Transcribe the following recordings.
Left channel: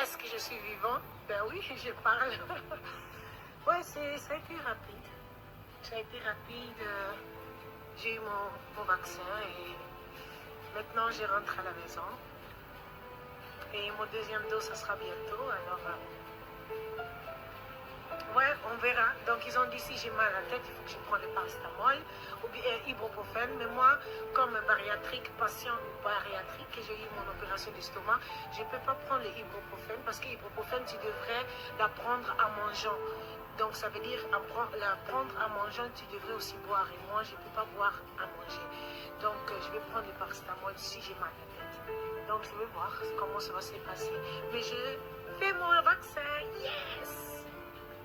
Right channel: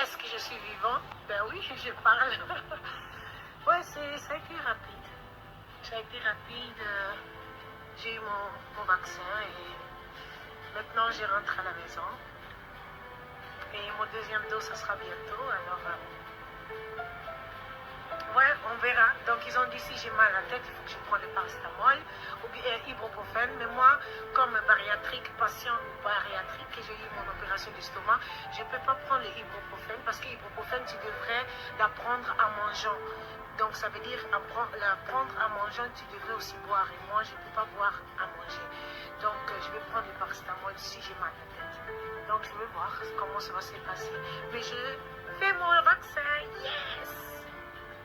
Est-ce que je suis vivant? Ben oui, je parle. Ouais, ça a été rapide. Ça a été rapide. J'ai eu mon vaccin et maintenant je rentre à la maison. Et mon deuxième dose, ça sera bientôt. Alors, ouais, on verra. Donc, ils ont dit si j'ai mal à la tête, il faut que je prenne le paracétamol ou bien ibuprofène. Mais moi, comme bariatrique, patient bariatrique, que j'ai eu mon opération d'estomac, je ne peux pas prendre le ibuprofène parce que l'ibuprofène, tu devrais la prendre en mangeant. Donc, ça veut dire la prendre en mangeant, tu devrais aussi boire. Et moi, je ne peux pas boire à manger. Donc, je vais prendre le paracétamol si j'ai mal à la tête. Donc, je vais voir comment ça va se passer. Mais je fais mon vaccin. Yes!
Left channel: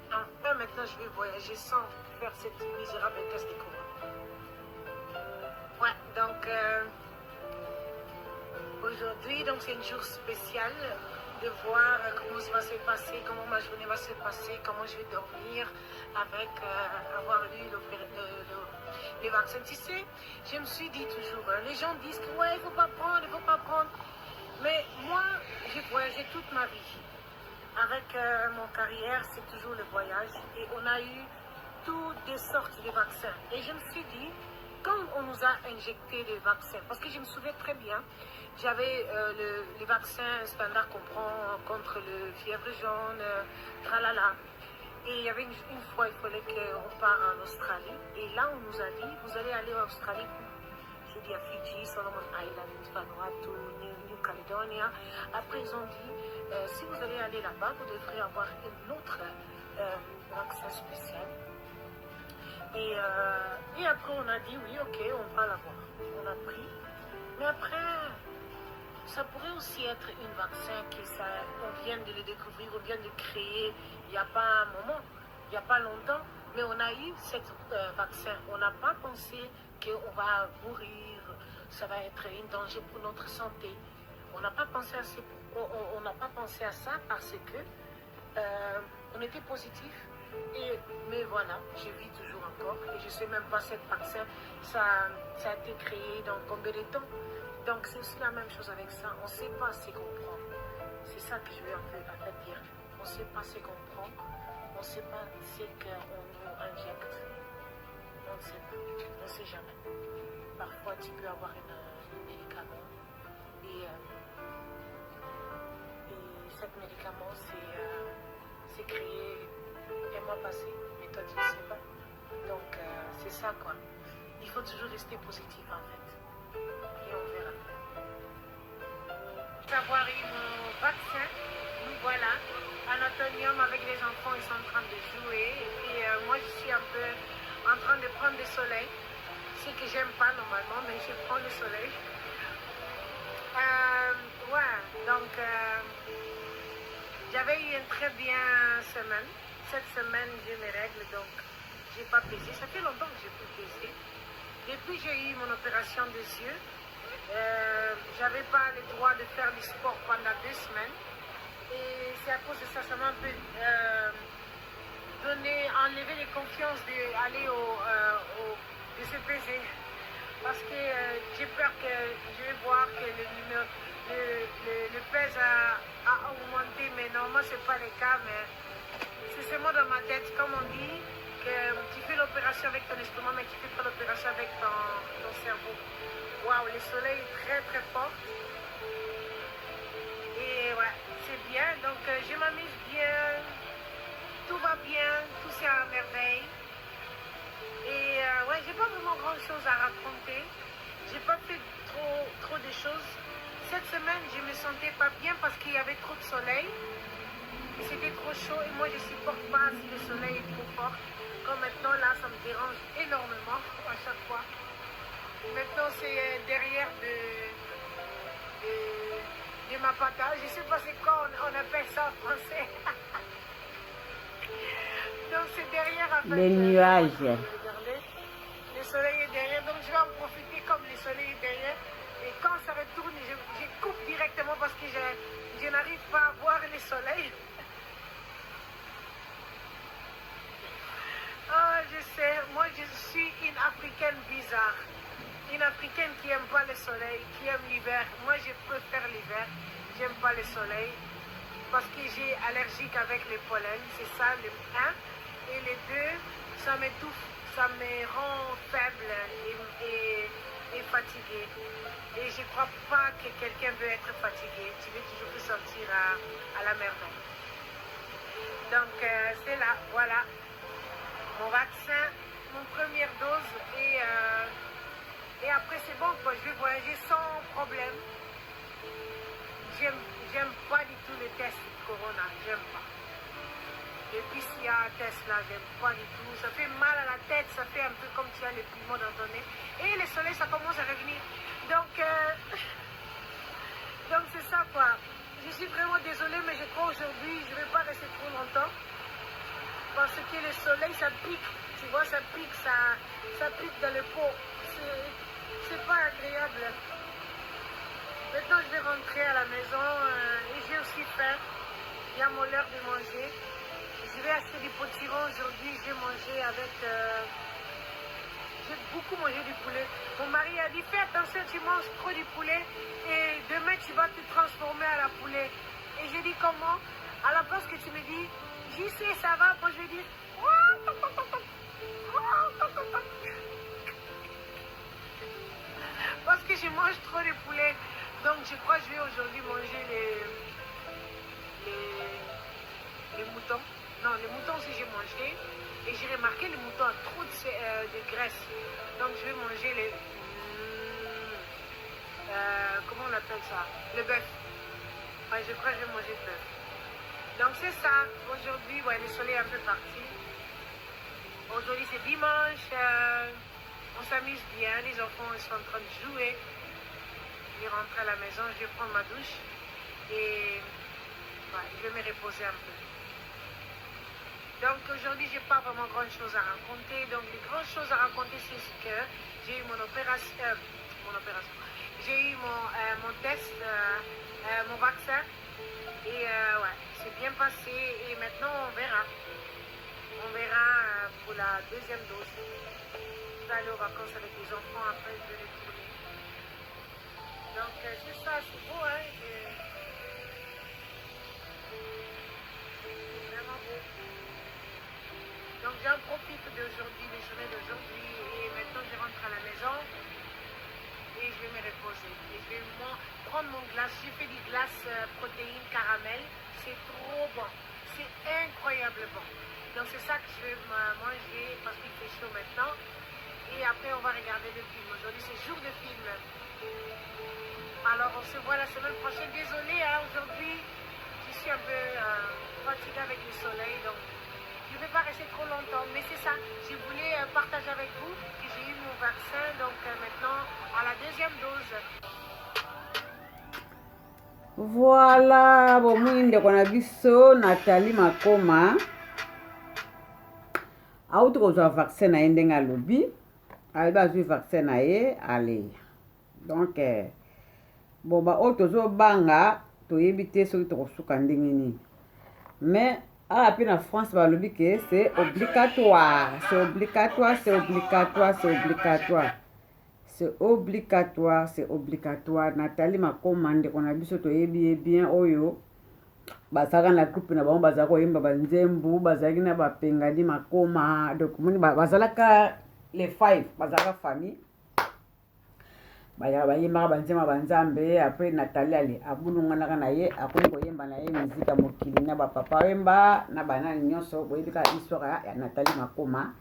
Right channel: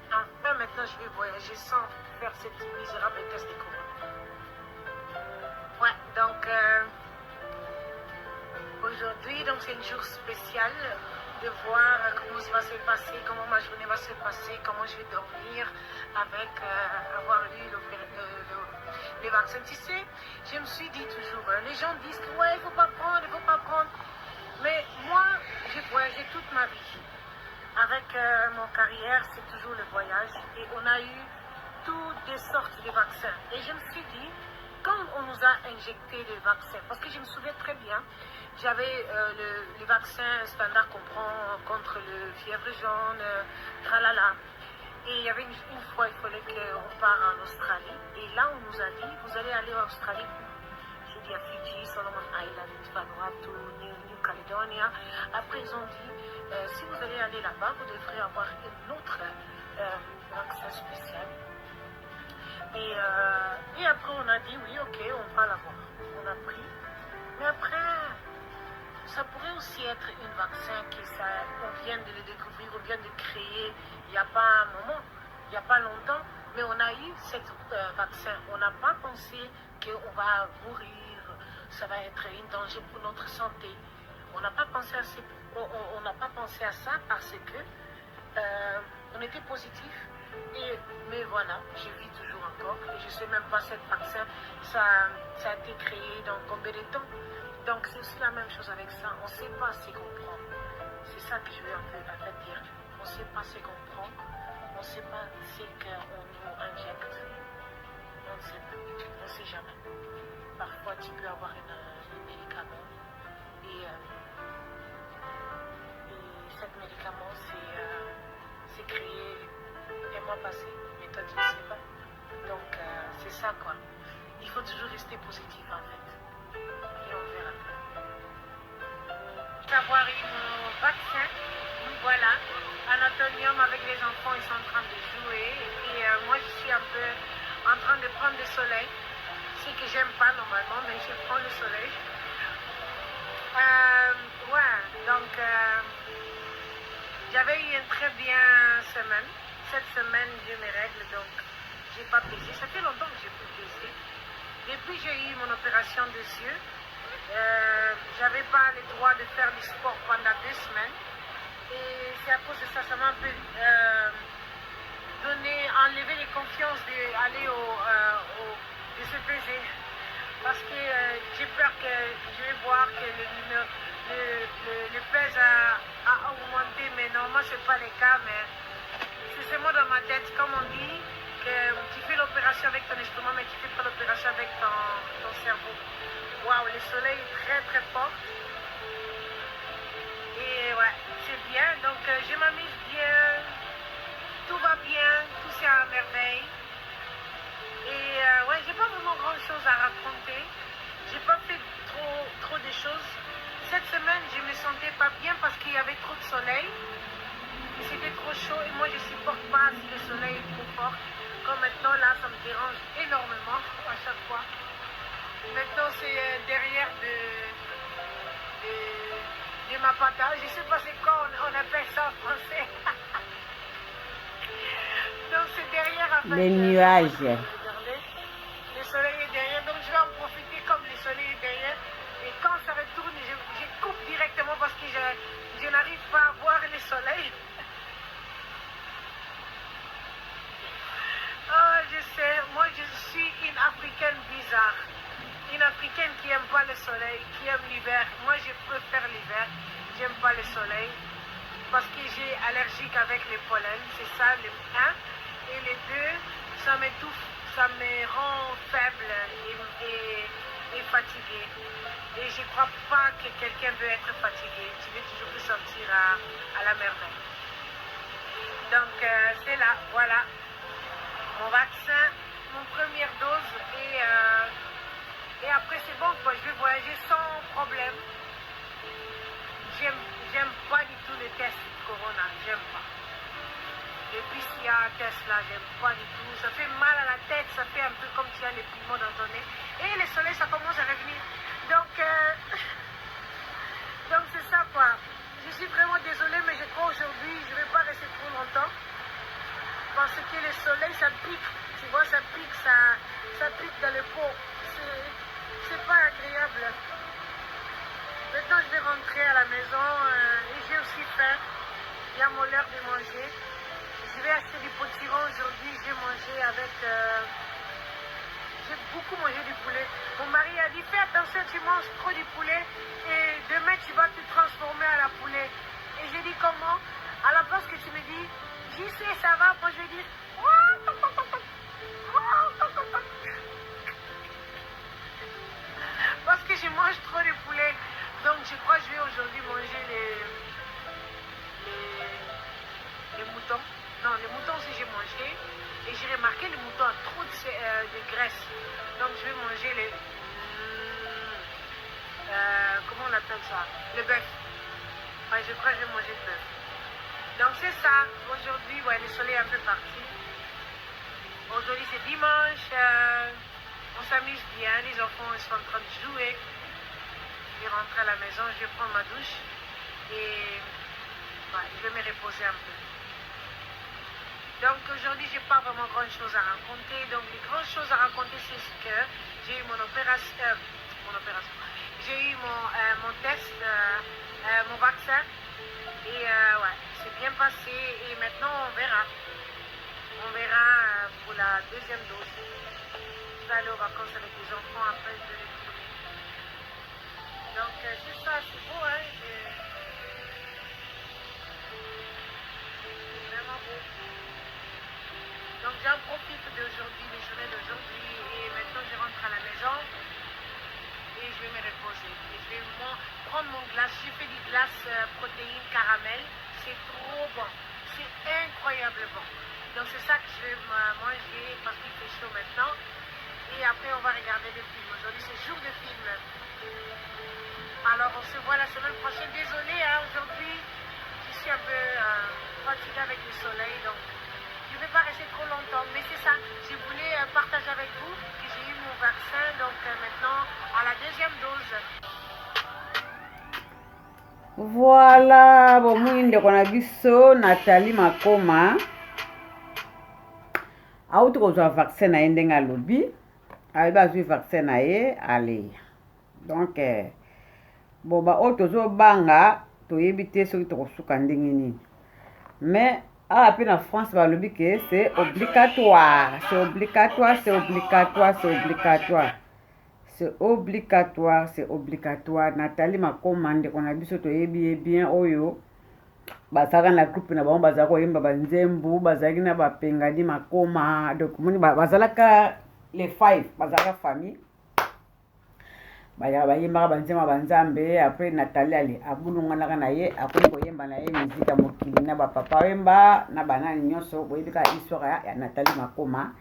Enfin, maintenant, je vais voyager sans faire cette misérable test de corona. Ouais, donc, aujourd'hui, donc c'est un jour spécial de voir comment ça va se passer, comment ma journée va se passer, comment je vais dormir avec avoir eu le vaccin. Tu sais, je me suis dit toujours, les gens disent que ouais, il ne faut pas prendre, il ne faut pas prendre. Mais moi, j'ai voyagé toute ma vie. Avec mon carrière, c'est toujours le voyage. Et on a eu toutes des sortes de vaccins. Et je me suis dit, quand on nous a injecté les vaccins, parce que je me souviens très bien, j'avais les vaccins standards qu'on prend contre le fièvre jaune, tralala. Et il y avait une fois, il fallait qu'on parte en Australie. Et là, on nous a dit, vous allez aller en Australie. J'ai dit à Fiji, Solomon Island, Vanuatu, New Caledonia. Après, ils ont dit, si vous allez aller là-bas, vous devrez avoir un autre vaccin spécial. Et après, on a dit, oui, ok, on va l'avoir. On a pris. Mais après, ça pourrait aussi être un vaccin on vient de le découvrir, on vient de le créer il n'y a pas un moment, il n'y a pas longtemps. Mais on a eu ce vaccin. On n'a pas pensé qu'on va mourir, ça va être un danger pour notre santé. On n'a pas pensé à ça parce que on était positif. Mais voilà, je vis toujours encore. Et je ne sais même pas ce vaccin, ça a été créé dans combien de temps. Donc c'est aussi la même chose avec ça. On ne sait pas ce qu'on prend. C'est ça que je veux un peu dire. On ne sait pas ce qu'on prend. On ne sait pas ce qu'on nous injecte. On ne sait pas. On ne sait jamais. Parfois, tu peux avoir un médicament. Et ce médicament, c'est créé un mois passé. Mais toi, tu ne sais pas. Donc, c'est ça, quoi. Il faut toujours rester positif, en fait. Et on verra. Avoir eu mon vaccin, nous voilà. Anatolium avec les enfants, ils sont en train de jouer. Et puis moi, je suis un peu en train de prendre le soleil. Ce que j'aime pas normalement, mais je prends le soleil. Ouais, donc j'avais eu une très bien semaine. Cette semaine, j'ai mes règles, donc j'ai pas pesé. Ça fait longtemps que j'ai pu peser. Depuis que j'ai eu mon opération des yeux, j'avais pas le droit de faire du sport pendant 2 semaines. Et c'est à cause de ça, ça m'a un peu enlevé les confiances d'aller de se peser. Parce que j'ai peur que je vais voir que le pèse a augmenté, mais normalement ce n'est pas le cas, mais c'est seulement dans ma tête, comme on dit, que tu fais l'opération avec ton estomac, mais tu fais pas l'opération avec ton cerveau. Waouh, le soleil est très très fort. Et ouais, c'est bien, donc je m'amuse bien, tout va bien, tout c'est à merveille. Et ouais, j'ai pas vraiment grand chose à raconter. J'ai pas fait trop de choses. Cette semaine, je me sentais pas bien parce qu'il y avait trop de soleil. C'était trop chaud et moi je supporte pas si le soleil est trop fort. Comme maintenant là, ça me dérange énormément à chaque fois. Maintenant c'est derrière de ma patate. Je sais pas c'est quoi on appelle ça en français. Donc c'est derrière en fait. Les nuages. Regardez, le soleil est derrière, donc je vais en profiter comme le soleil est derrière. Et quand ça retourne, je coupe directement parce que je n'arrive pas à voir le soleil. Oh, je sais, moi je suis une Africaine bizarre. Une Africaine qui n'aime pas le soleil, qui aime l'hiver. Moi je préfère l'hiver, j'aime pas le soleil. parce que j'ai allergique avec les pollens, c'est ça le 1. Et le 2, ça m'étouffe, ça me rend faible et fatiguée. Et je ne crois pas que quelqu'un veut être fatigué. Tu veux toujours te sentir à la merveille. Donc c'est là, voilà, mon vaccin, mon première dose. Et après c'est bon, quoi. Je vais voyager sans problème. J'aime pas du tout les tests Corona, j'aime pas. Le PCR test là, j'aime pas du tout. Ça fait mal à la tête, ça fait un peu comme tu as les piments dans ton nez. Et le soleil, ça commence à revenir. Donc c'est ça quoi. Je suis vraiment désolée, mais je crois aujourd'hui, je ne vais pas rester trop longtemps. Parce que le soleil, ça pique. Tu vois, ça pique, ça pique dans le peau. C'est pas agréable. Maintenant, je vais rentrer à la maison et j'ai aussi faim. Il y a mon l'heure de manger. Je vais acheter du potiron aujourd'hui. J'ai mangé avec... j'ai beaucoup mangé du poulet. Mon mari a dit, fais attention, tu manges trop du poulet et demain, tu vas te transformer à la poulet. Et j'ai dit, comment? À la place que tu me dis, j'y sais, ça va. Moi, je vais dire... Parce que je mange trop de poulet. Donc, je crois que je vais aujourd'hui manger les moutons. Non, les moutons aussi, j'ai mangé. Et j'ai remarqué les moutons ont trop de graisse. Donc, je vais manger les... comment on appelle ça? Le bœuf. Ouais, je crois que je vais manger le bœuf. Donc, c'est ça. Aujourd'hui, ouais, le soleil est un peu parti. Aujourd'hui, c'est dimanche. On s'amuse bien. Les enfants sont en train de jouer. Je vais rentrer à la maison. Je vais prendre ma douche. Et ouais, je vais me reposer un peu. Donc aujourd'hui, je n'ai pas vraiment grand chose à raconter. Donc les grandes choses à raconter, c'est ce que j'ai eu mon opération. J'ai eu mon test, mon vaccin. Et ouais, c'est bien passé. Et maintenant, on verra. On verra pour la deuxième dose. Je vais aller aux vacances avec les enfants après je vais retourner. Donc c'est ça, c'est beau, hein. C'est vraiment beau. Donc j'en profite d'aujourd'hui, des journées d'aujourd'hui. Et maintenant je rentre à la maison. Et je vais me reposer. Et je vais prendre mon glace. J'ai fait des glaces protéines caramel. C'est trop bon. C'est incroyable bon. Donc c'est ça que je vais manger parce qu'il fait chaud maintenant. Et après on va regarder des films. Aujourd'hui c'est jour de film. Alors on se voit la semaine prochaine. Désolée, hein, aujourd'hui je suis un peu fatiguée avec le soleil. Donc je ne vais pas rester trop longtemps. Mais c'est ça. Je voulais partager avec vous que j'ai eu mon vaccin. Donc maintenant à la deuxième dose. Voilà, bon mwinde kona biso Nathalie Makoma auti kozwa vaccin na ye ndenge alobi ayebi azwi vaccin na ye ale donc bon baoyo tozobanga toyebi te soki tokosuka ndenge nini mais awa mpe na France balobi ke c'est obligatoire c'est obligatoire c'est obligatoire c'est obligatoire c'est obligatoire, c'est obligatoire. Nathalie Makoma ndeko na biso toyebi bien oyo bazaka na groupe na bango bazaka koyemba banzembu bazaki na bapengadi Makoma donc moni bazalaka les 5 bazalaka famille bayaka bayembaka banzemba banzambe après Nathalie ale abulunganaka na ye akomi koyemba na ye musique ya mokili na bapapa oyemba na banani nyonso boyebika histoire ya Nathalie Makoma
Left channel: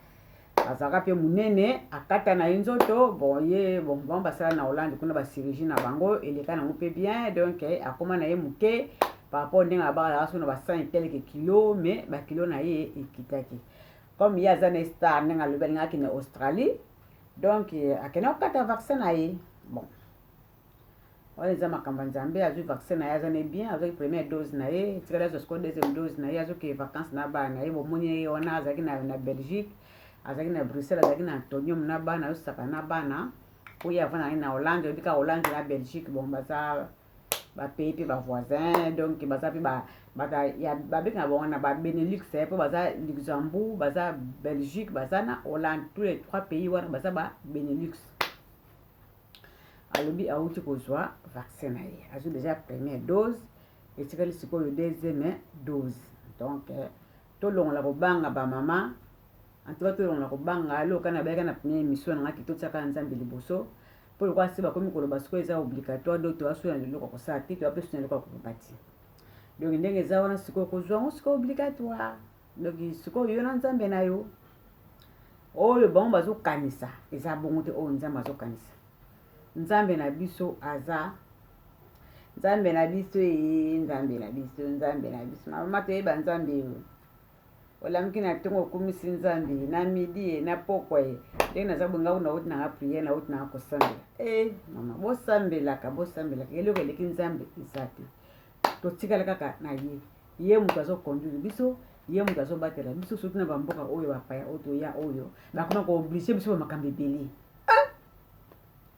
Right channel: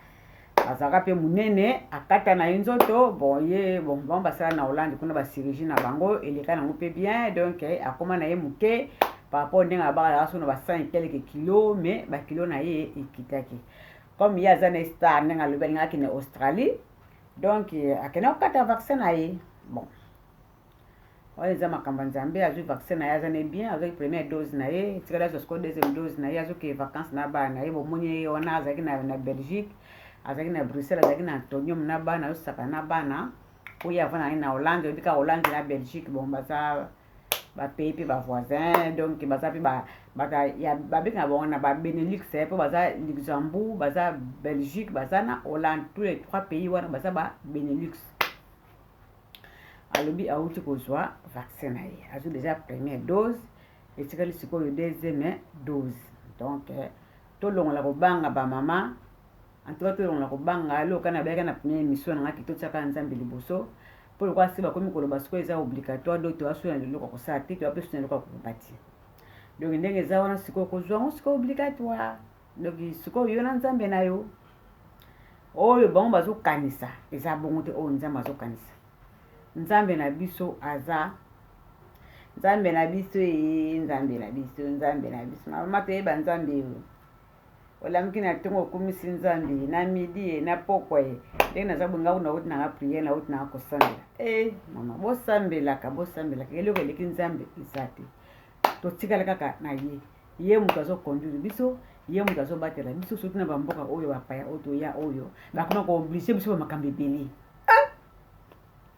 azaka pe munene akata na nzoto bon ye bon basala na Hollande kuna ba chirurgie na bango eleka nango pe bien donc akoma na ye muke par rapport ndenge abaka so na ba 100 quelques kilos mais ba kilo na ye ekitaki comme il y a un star ndenge alobi ngaki na Australie donc akena okata vaccin na ye bon wale za makamba nzambe azwi vaccin na ye azane bien avec première dose na ye tikala zo deuxième dose na ye azoke vacances na ba na ye bomoni wana azaki na Belgique azaki na Bruxelles azaki na Antonium na bana osaka na bana oyo avana na Hollande obika Hollande na Belgique bon baza ba pays pe ba voisins donc baza pe ba ya babika bon na ba Benelux pe baza Luxembourg baza Belgique baza na Hollande tous les trois pays wana baza ba Benelux alobi auti kozwa vaccin na ye azo déjà première dose etikali sikoyo deuxième dose. Donc tolongola kobanga bamama, en tout cas tolongola kobanga aloka na bayaka na première émission na ngaki totiaka nzambe liboso mpo lokwa se bakomi koloba sikoyo eza obligatoire do toasuna leloko kosala te toapesuna eloko ya koloba te. Donc ndenge eza wana sikoyo kozwa yango sikoyo obligatoire. Donc sikoyo yo na nzambe na yo oyo bango bazokanisa eza bongo te oyo nzambe azokanisa. Nzambe na biso aza nzambe na biso nzambe na biso nzambe na biso mama toyeba nzambe yo olamuki na ntongo okumisi nzambe na midi na pokwa ye ndenge naza bonga kuna oti nanga priere na oti nanga kosambela mama bosambelaka eloko eleki nzambe eza te. Totikala kaka na ye moto azoconduire biso ye moto azobatela biso surtout na bamboka oyo bapaya oyo toya oyo bakoma kooblige biso bamakambo ebele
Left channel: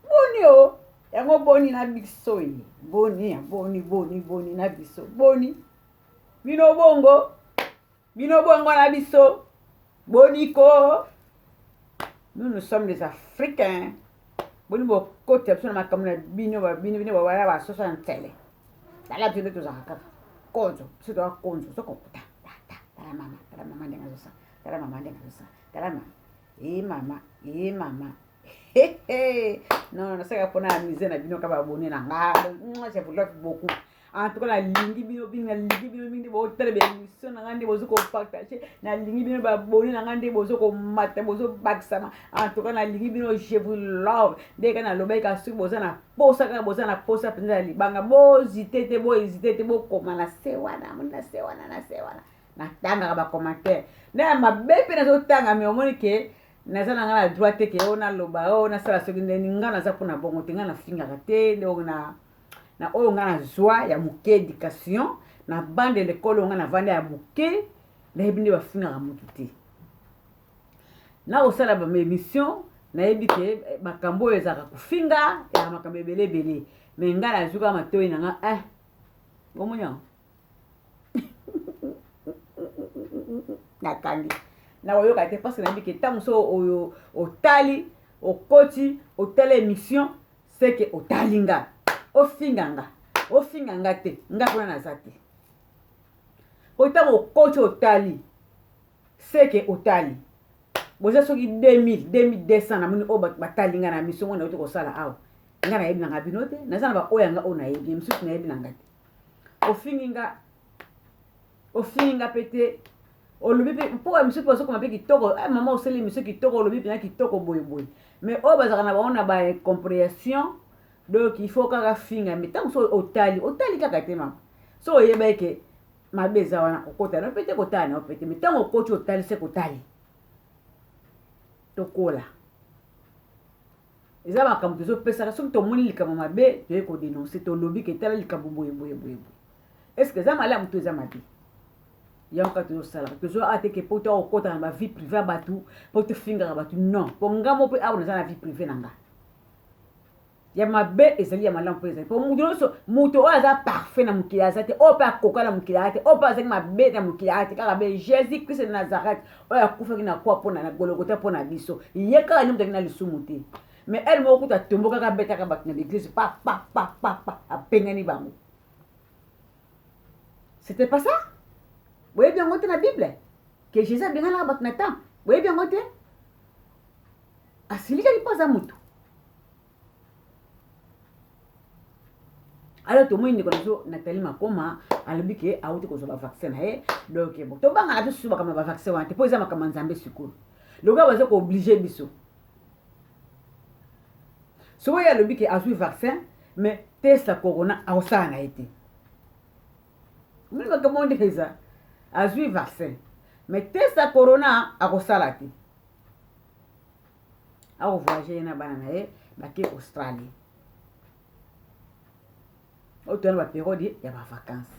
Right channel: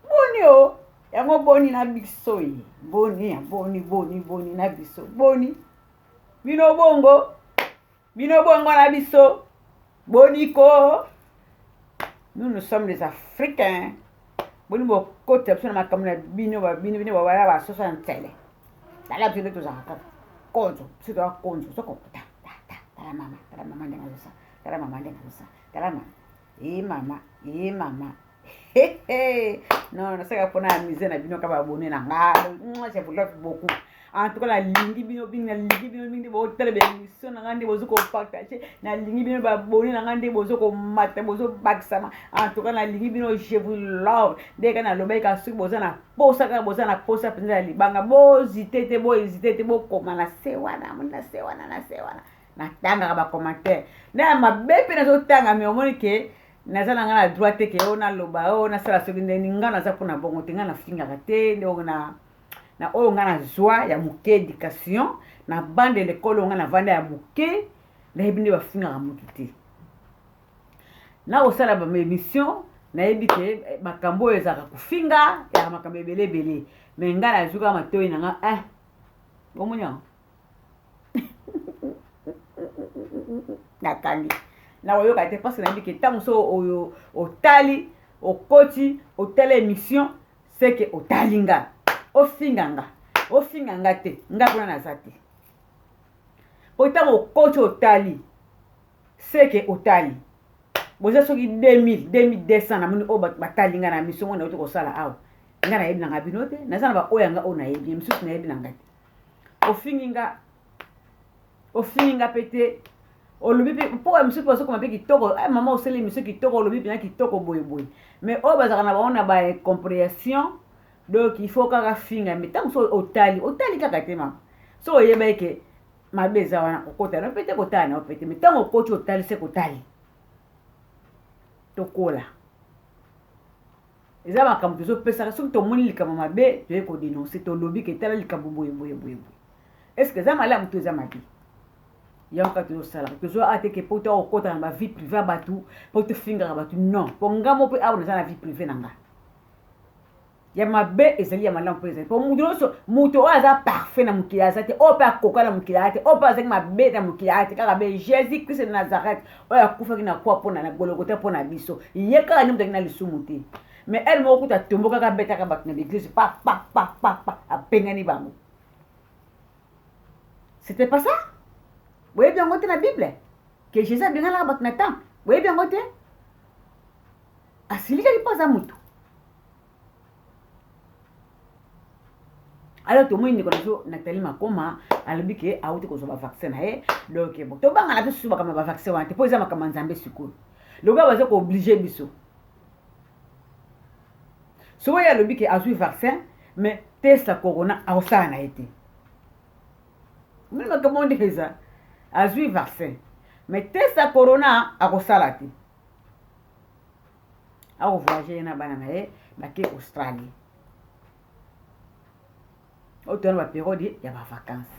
boni o yango boni na biso ye boni na biso boni bino bongo na biso boni ko. Nous sommes des Africains. Boni bokota biso na makambo na bino babaya basosa na tele tala biso nde tozaka kaka konzo biso toa konzo sokokota tala mama ndenge azosa tala mama mama non nasaka mpona ya mise na bino kaka babone na nga je vous love beaucoup. En tout cas nalingi bino mingi botala bémission na nga nde bozo kopartage nalingi bino babone na nga nde bozo komata bozo bakisama. En tout cas nalingi bino je vous love ndeka nalobai ka soki boza na posa kaka boza na posa mpenza ya libanga bozite te bohésite te bokoma na se wana natangaka bacommentaire nde mabe mpe nazotanga me omoni ke naza na nga na droit te ke oyo naloba oyo nasala soki ndeni nga naza mpona bongo te nga nafingaka te nde na oyo nga na zwa ya moke éducation na bande lekolo oyo nga na vanda ya moke nayebi nde bafingaka motu te na kosala baémission nayebi ke makambo oyo ezalaka kofinga ya makambo ebele me nga nazwi kaka matoi na nga omoni yango nakangi na oyoka te parce que nayebi ke ntango so oyo otali okoti otala émission c'est que otali nga ofinga nga te nga kuna naza te po ntango okoti otali c'est que otali boza soki 2200 namoni oyo batali nga na mission ngo nauti kosala awa nga nayebi nanga bino te naza na baoyo yanga oyo nayebi misusu nayebi nanga te ofingi nga pe te olobi mpe mpo ya misusu bazokoma mpe kitoko mama osali miso kitoko olobi mpena kitoko boyeboye mais oyo bazalaka na bango na bacompréhension donc il faut kaka finga me ntango so otali kaka te mama so oyeba eke mabe eza wana kokotana mpe te kotala na yo mpe te me ntango okoti otali se kotali tokola eza makambo tozopesaka soki tomoni likambo mabe toye kodenonse tolobi ke tala likambo boyeboye est ce que eza malamu to eza mabe yango kaka tozosalaka tozo ateke mpo to okota na bavie privé ya bato mpo tofingaka bato non mpo ngamo mpe awa naza na vie privé na nga ya mabe ezali ya malamu mpo ezali mpo mutu nyonso moto oyo aza parfait na mokili aza te oyo mpe akoka na mokili aza te oyo mpe azalaki mabe na mokili aza te kaka be jésus christ de nazareth oyo akufaki na kwa mpona na gologota mpo na biso ye kaka nde moto aki na lisumu te mais ele moko kuta tombokaka betaka bato na l'église pa apengani bango c'était pas ça. Vous bien ngote na Bible que Jésus abengana bato na temps. Vous bien ngote asilika lipaza mutu. Alors tout le monde connaît Nathalie Makoma alobi ke auti ko ba vaccin na ye donc bon to banga na biso ba kama ba vaccin wa te po eza makama nzambe sikulu le gars baza ko obliger biso so ya alobi ke azui vaccin mais test la corona a osana na été même comme on dit ça azui vaccin mais test la corona a osala te a voyager na bana na ye ba ke Australie autant ba période ya ba vacances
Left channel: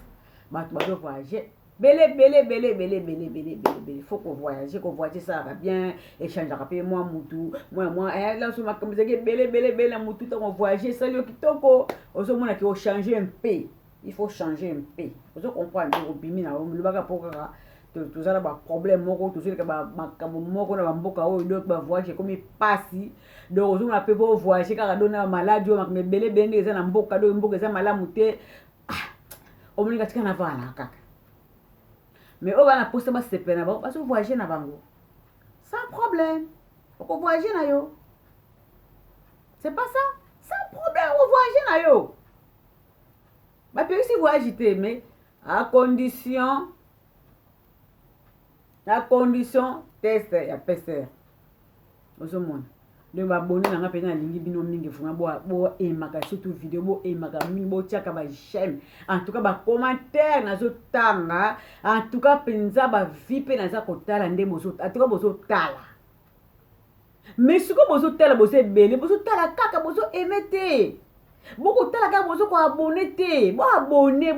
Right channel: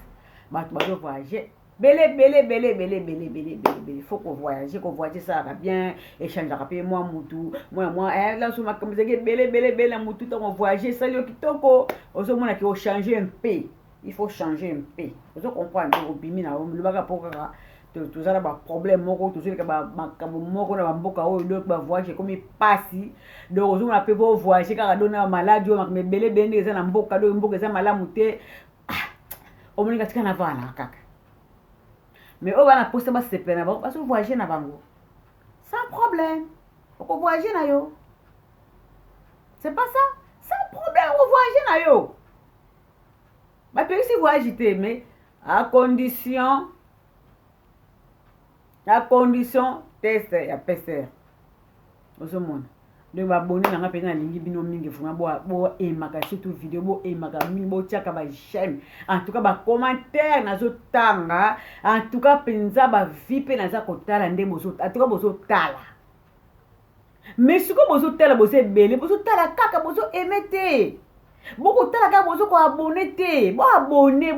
ba to voyager belé faut qu'on voyage ça va bien échanger après moi mutu moi là sur ma comme belé mutu on voyager ça le kitoko ozo mona ki o changer un peu il faut changer un peu ozo comprendre au bimi na le baka poka tout ça ba problème moko tout ça ba makambo moko na ba mboka o donc ba voyager comme pasi donc ozo mona pe pour voyager car dona maladie o makme belé eza na mboka do mboka eza malamu te omoni katika na vana kaka mais o bana posta ba sepena ba parce que voyager na bango sans problème oko voyager na yo c'est pas ça sans problème oko voyager na yo ba pe si voyager mais à condition test ya PCR ozomona donc babone nanga pena lingi bino mingi vraiment bo emaka surtout vidéo bo emaka mingi bo tiaka ba j'aime en tout cas ba commentaire nazo tanga en tout cas penza ba vie pe naza kotala nde bozo en tout cas bozo tala mais siko bozo tala bozo ebele bozo tala kaka bozo emete boko tala kaka bozo ko abonner te bo abonner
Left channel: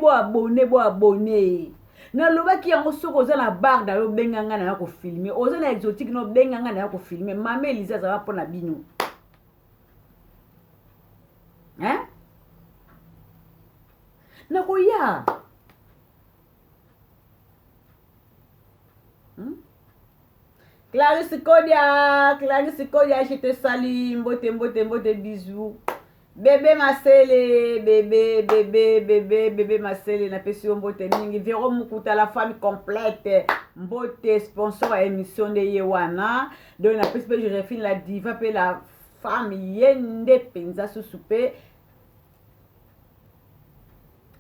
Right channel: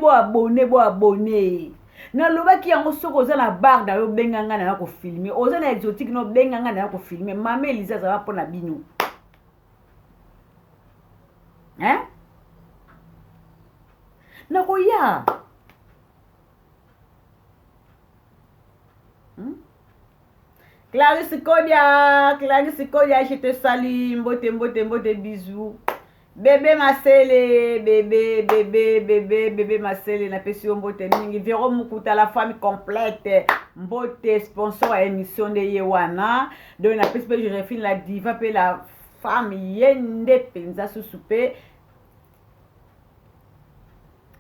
na lobaki yango soko oza na bar na yo benganga na ya kofilme oza na exotique no benganga na ya kofilme mama Elisa azala mpona bino nakoya Clarisse Kodia, je te salue, mbote, bisous. Bébé Marcel, bébé Marcel, na pesi mbote mingi. Véro Mukuta, la famille complète. Mbote, sponsor à émission de Yewana. Donc, na pesi je refine la diva, pe la femme yende penza sous souper.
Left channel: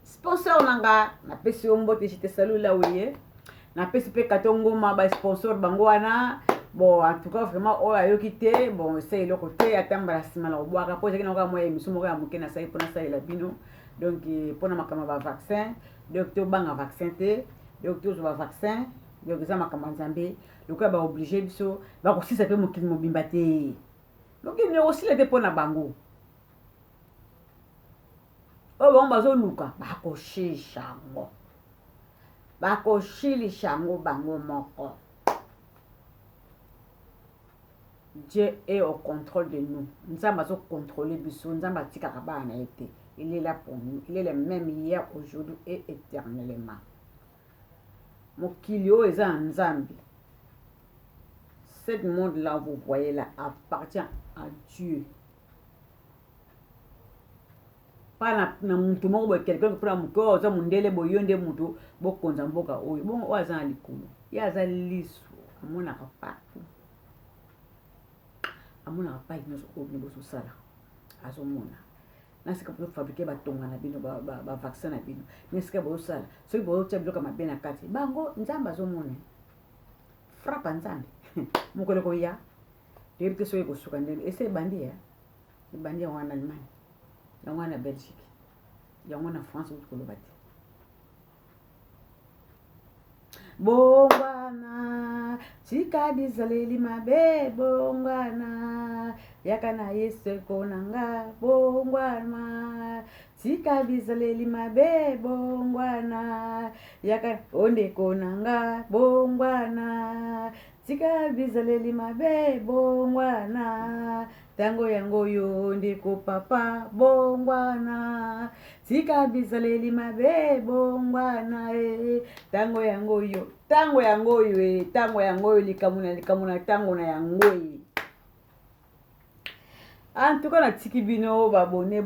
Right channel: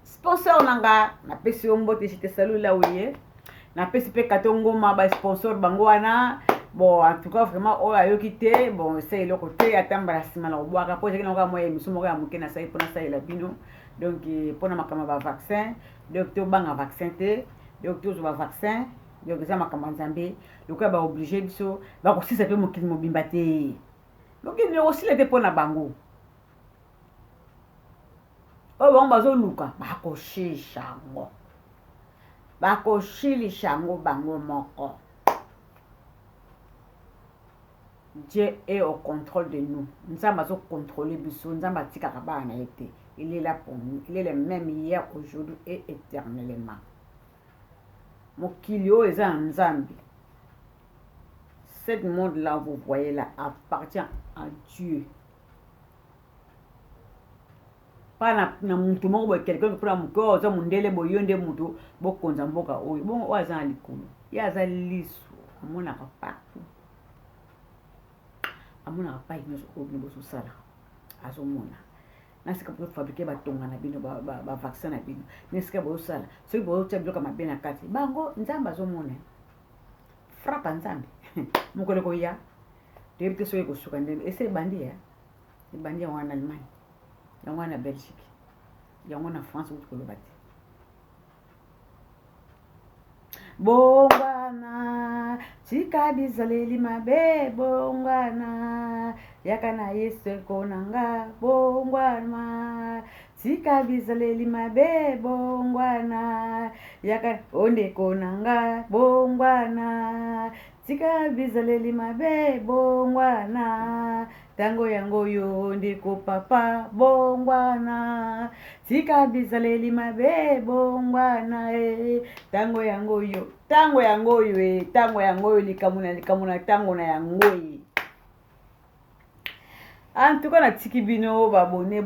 Sponsor nanga, na pesi mbote, je te salue là où il est. Na pesi pe katongo ma ba sponsor bangoana. Bon, en tout cas, vraiment, on a eu quitté. Bon, c'est le côté, attendre la semaine, on boit. Après, j'ai encore moi, je suis mort à mourir na ça, pour ça, il a bino. Donc, pour ma caméra vaccin, docteur bang vaccin té, docteur je vaccin, donc ça ma caméra zambé. Donc, on va obligé de ça. Va aussi ça peut mourir mobimbaté. Donc, il y a aussi les dépôts na bango. Oh, bon, bazo luka, ba ko shishango. Ba ko shili shango bango moko. Dieu est au contrôle de nous. Nous sommes à contrôler Bissou. Nous sommes à été. Il est là pour nous. Il est le même hier, aujourd'hui et éternellement. Mon kilio est en Zambie. Ce monde-là, vous voyez là, appartient à Dieu. Pas na muntu moko quelqu'un qui prend mon corps, ça mundele boyonde mutu bokonza mboka oyo. Bon oza likulu. Ya za liso. Amona partout. Amona pas nous au niveau social azomona nasika pour fabriquer batonga na bino ba vaccin na bino nesika bo sala so bo tsheblo kama bena kati bango nzamba azomona frapa nzambe mukole ko ya debite so ko suka ndene ese bandi ya bandi ya wana Allemagne ya wana Belgique ya wana France ko lobati bongwana tika bizaleli mabe bongwana yakana Yesu konanga bongwana tika bizaleli mabe bongwana yakana onde konanga bongwana tika bizaleli mabe bongwana tango yango yo ndeko papa bongwana tika bizaleli mabe bongwana tango yango yo tango yango yo likamuna tango na yango en tout cas na tiki bino ba abonné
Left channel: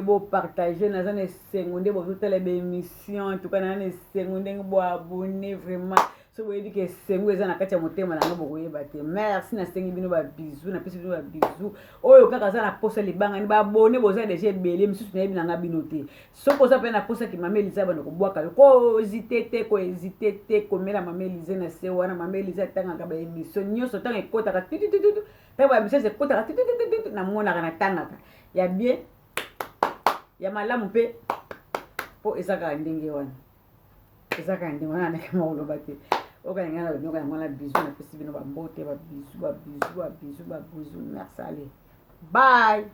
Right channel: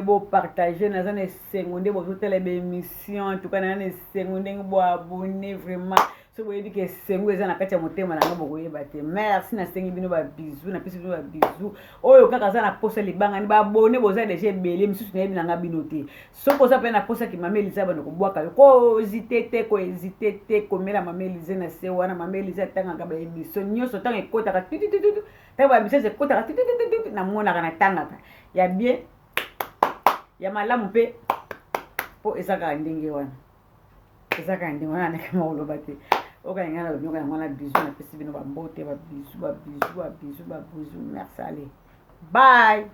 bo partager na zane seconde bo totele be émission en tout cas na seconde bo abonné vraiment so boye di ke sengo eza na kati ya motema na ngabo koyeba te merci na sengi bino ba bisou na pesi bino ba bisou oyo kaka za na posa libanga ni ba abonné boza déjà belé misusu na yebi na ngabino te soko za pe na posa ki Mama Elisa bana ko bwaka ko hésiter te ko mela Mama Elisa na se wana Mama Elisa tanga ka ba émission nyoso tanga ekota ka tutututu tanga ba émission ekota ka tutututu na mona kana tanga ka ya bien ya malamu pe po ezaka ndenge wana ezaka ndenge wana na kama olobate okangana bonyoka ngana bisou na pesi bino ba mbote ba bisou merci allez bye.